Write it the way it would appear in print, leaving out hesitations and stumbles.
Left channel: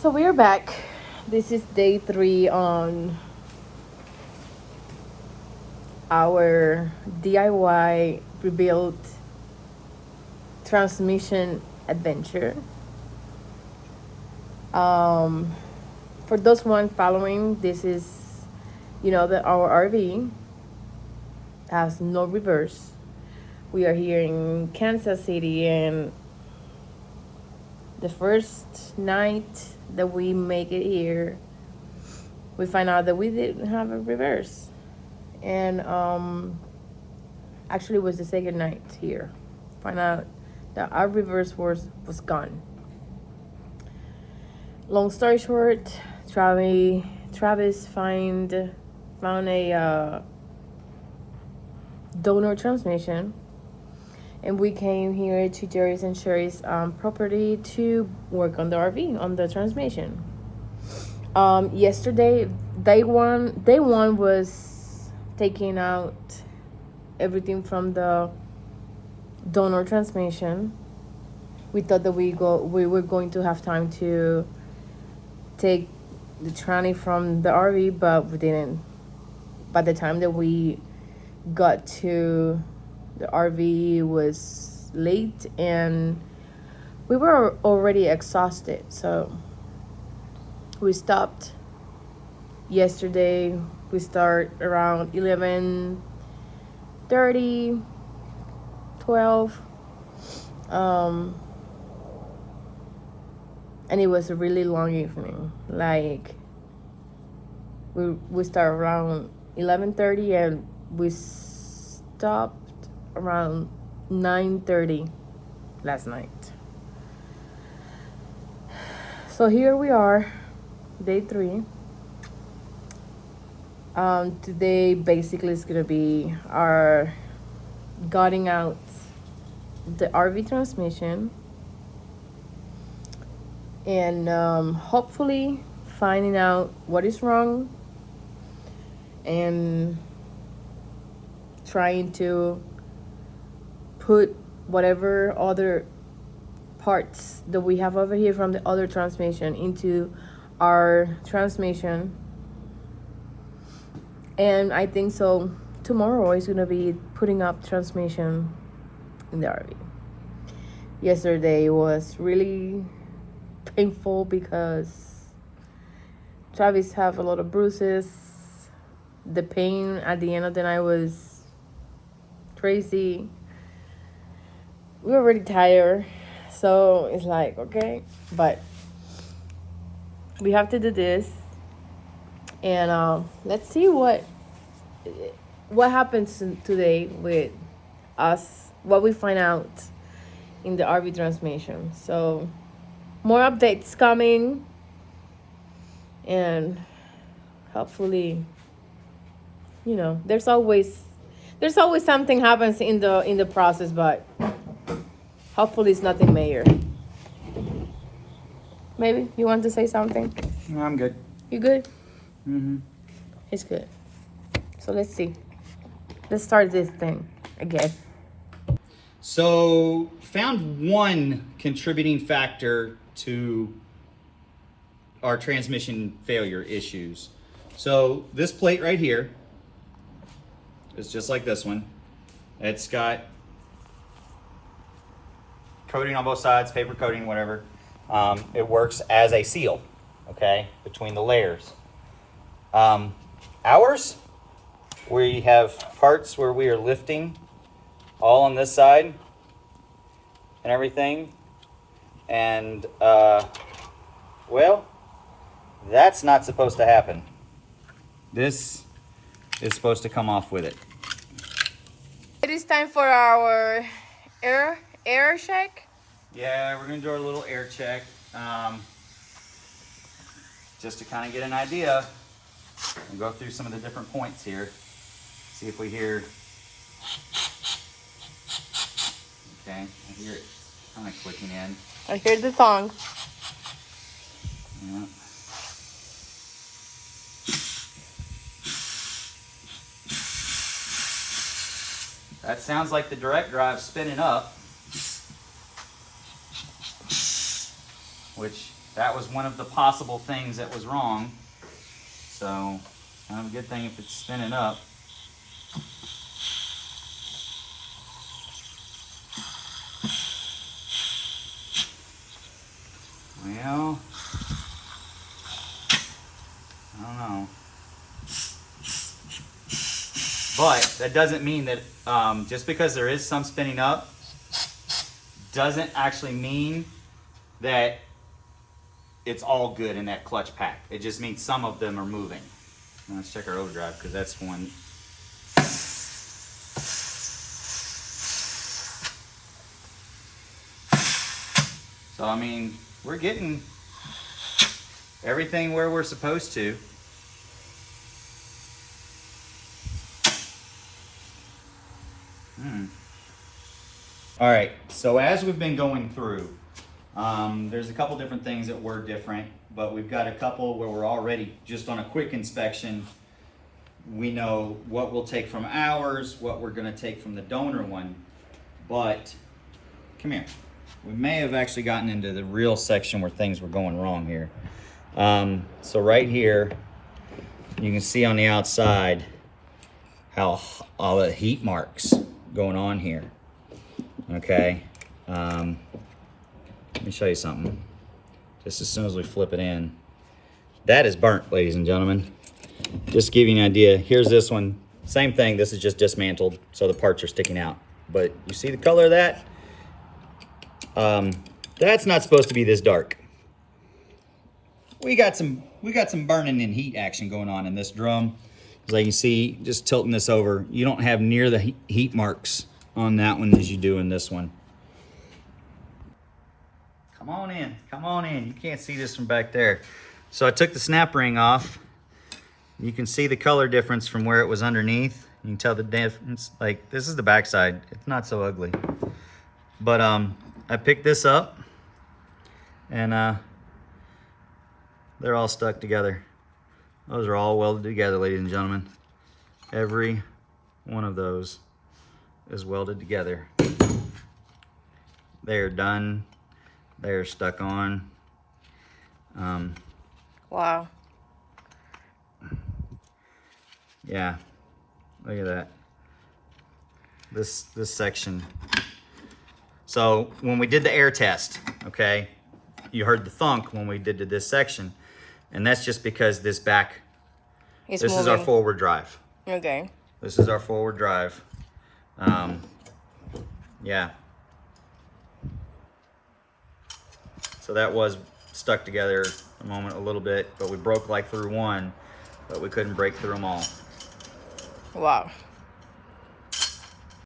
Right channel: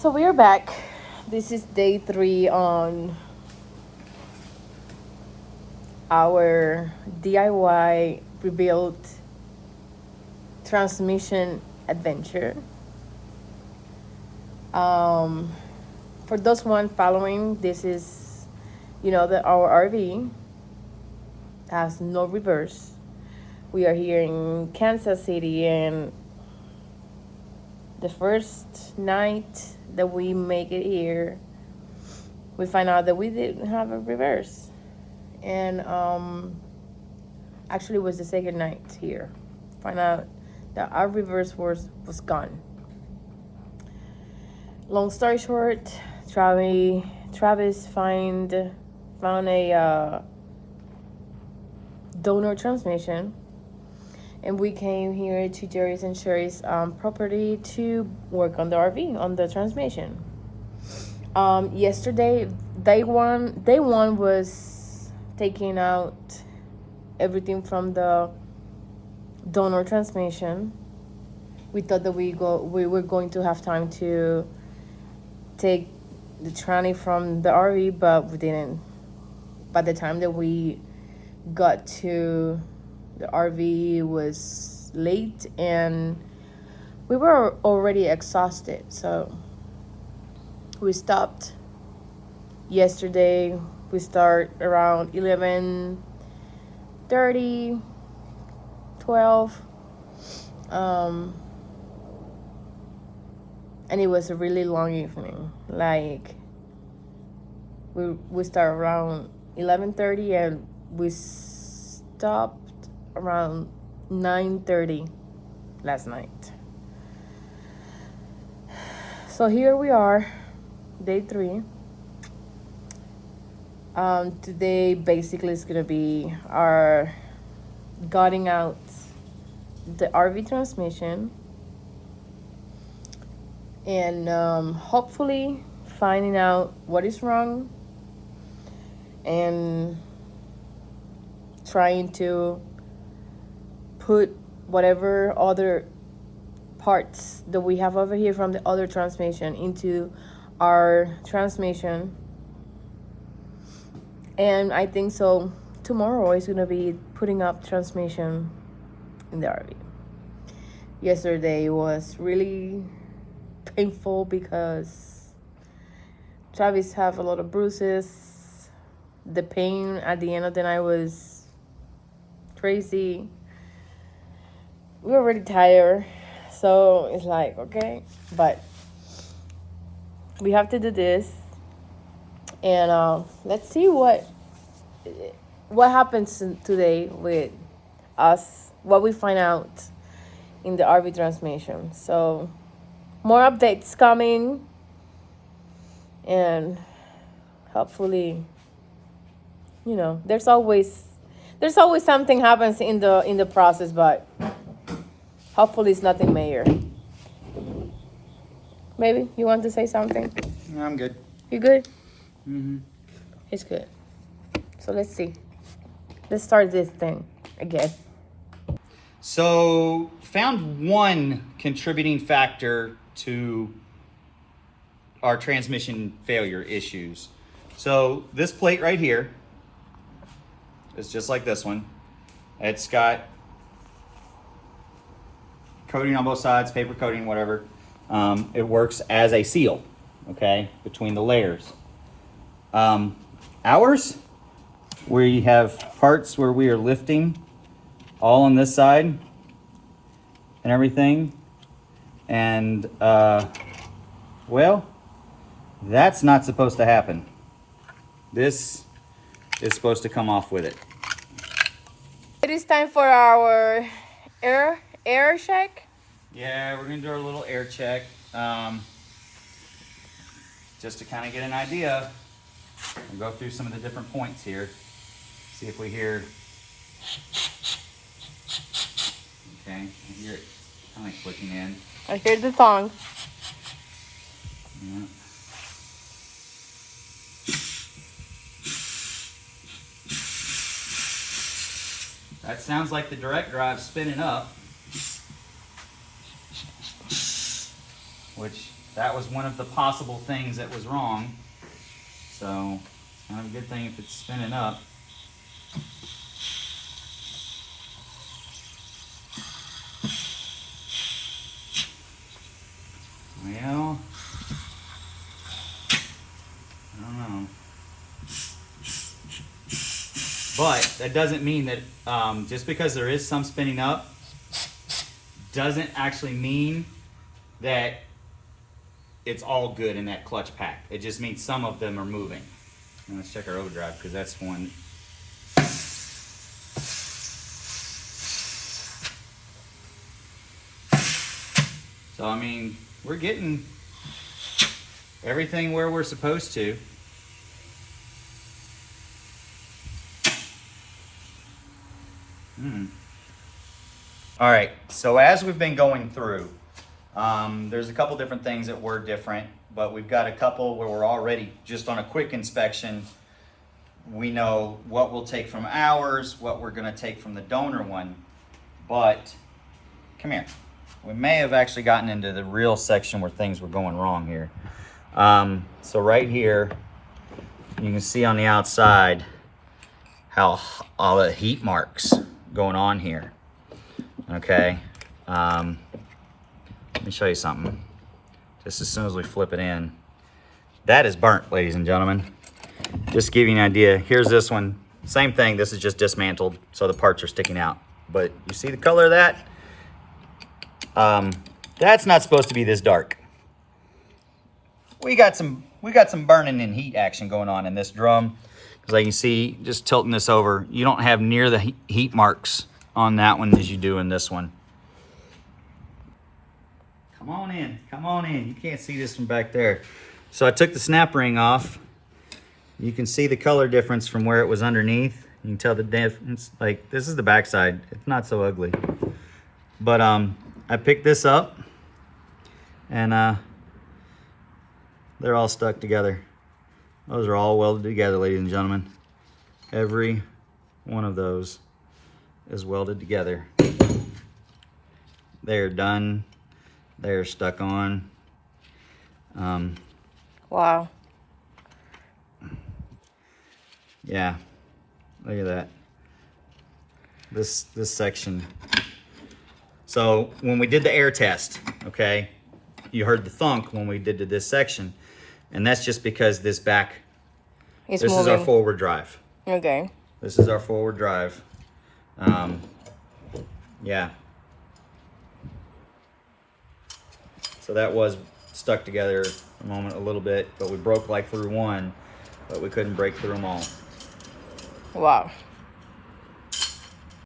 So we are back. This is day 3 on our DIY rebuilt transmission adventure. For those one following, this is, that our RV has no reverse. We are here in Kansas City, and the first night that we make it here, we find out that we didn't have a reverse. And actually it was the second night here. Find out that our reverse was gone. Long story short, Travis found a donor transmission, and we came here to Jerry's and Sherry's property to work on the RV, on the transmission. Yesterday, day one was taking out everything from the donor transmission. We thought that we were going to have time to take the tranny from the RV, but we didn't. By the time that we got to the RV, it was late and we were already exhausted, so we stopped yesterday. We start around 11:30, 12, and it was a really long evening. Like we start around 11:30 and we stopped around 9:30 last night. So here we are, day 3. Today basically is gonna be our gutting out the RV transmission and hopefully finding out what is wrong and trying to put whatever other parts that we have over here from the other transmission into our transmission. And I think so tomorrow is gonna be putting up transmission in the RV. Yesterday was really painful because Travis have a lot of bruises. The pain at the end of the night was crazy. We were already tired, so it's like, okay, but we have to do this. And let's see what happens today with us, what we find out in the RV transmission. So more updates coming, and hopefully, there's always something happens in the process, but hopefully it's nothing major. Maybe you want to say something? No, I'm good. You good? Mm-hmm. It's good. So let's see. Let's start this thing again. So, found one contributing factor to our transmission failure issues. So, this plate right here is just like this one. It's got coating on both sides, paper coating, whatever. It works as a seal, okay, between the layers. Ours, where you have parts where we are lifting all on this side and everything, and well, that's not supposed to happen. This is supposed to come off with it. It is time for our air check. Yeah, we're gonna do our little air check, just to kind of get an idea. We'll go through some of the different points here. See if we hear. Okay, I hear it kind of clicking in. I hear the song. Yeah. That sounds like the direct drive spinning up, which that was one of the possible things that was wrong. So, kind of a good thing if it's spinning up. Well, I don't know. But that doesn't mean that just because there is some spinning up, doesn't actually mean that it's all good in that clutch pack. It just means some of them are moving. Now let's check our overdrive, because that's one. So I mean, we're getting everything where we're supposed to. All right, so as we've been going through, there's a couple different things that were different, but we've got a couple where we're already, just on a quick inspection, we know what we'll take from ours, what we're gonna take from the donor one. But, come here. We may have actually gotten into the real section where things were going wrong here. So right here, you can see on the outside how all the heat marks going on here. Okay, let me show you something. Just as soon as we flip it in, that is burnt, ladies and gentlemen. Just to give you an idea, here's this one. Same thing, this is just dismantled, so the parts are sticking out. But you see the color of that? That's not supposed to be this dark. We got some burning and heat action going on in this drum. As you can see, just tilting this over, you don't have near the heat marks on that one as you do in this one. Come on in, come on in. You can't see this from back there. So I took the snap ring off. You can see the color difference from where it was underneath. You can tell the difference. Like, this is the backside. It's not so ugly. But I picked this up, and they're all stuck together. Those are all welded together, ladies and gentlemen. Every one of those is welded together. They are done. They are stuck on. Wow. Yeah, look at that. This section. So when we did the air test, okay, you heard the thunk when we did to this section, and that's just because this back, It's this moving. is our forward drive. Okay. This is our forward drive. Yeah. So that was stuck together a moment, a little bit, but we broke like through one, but we couldn't break through them all. Wow.